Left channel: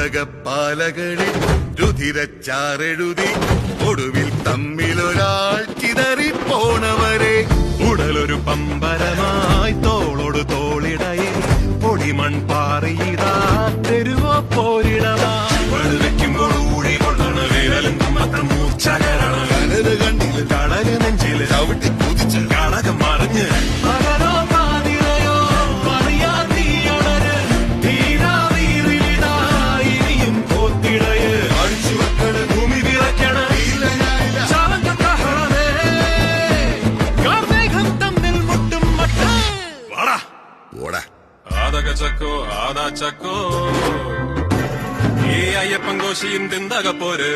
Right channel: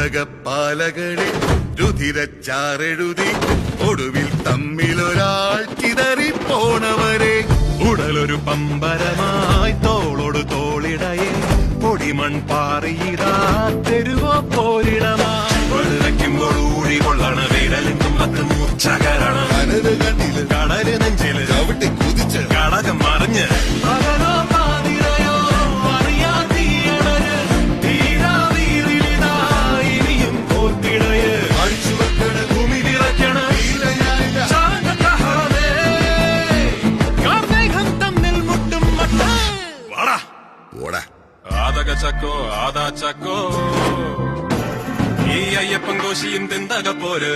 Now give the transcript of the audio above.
ഉലകപ്പാലകളിൽ രുധിരച്ചാറെഴുതി ഒടുവിൽ തമ്മിലൊരാൾ ചിതറിപ്പോണവരെ ഉടലൊരു പമ്പരമായി തോളോട് തോളിടയെ പൊടിമൺ പാറിയിടാ തെരുവോ പോരിടമാ പകലോ പാതിരയോ അറിയാതീയണര് തീരാതീറിലിതാ ഇനിയും കോത്തിടയ് അടിച്ചു വെക്കണ ഭൂമി വിറയ്ക്കണ ഇല്ല ഞാനില്ല ശാന്തഹളമേ കാർമേഘം തമ്മിൽ മുട്ടും മട്ടേ വാടാ ഓടാ ആദകച്ചക്കോ ആദാച്ചക്കോ ഈ അയ്യപ്പൻ കോശിയും തിന്തക പോര്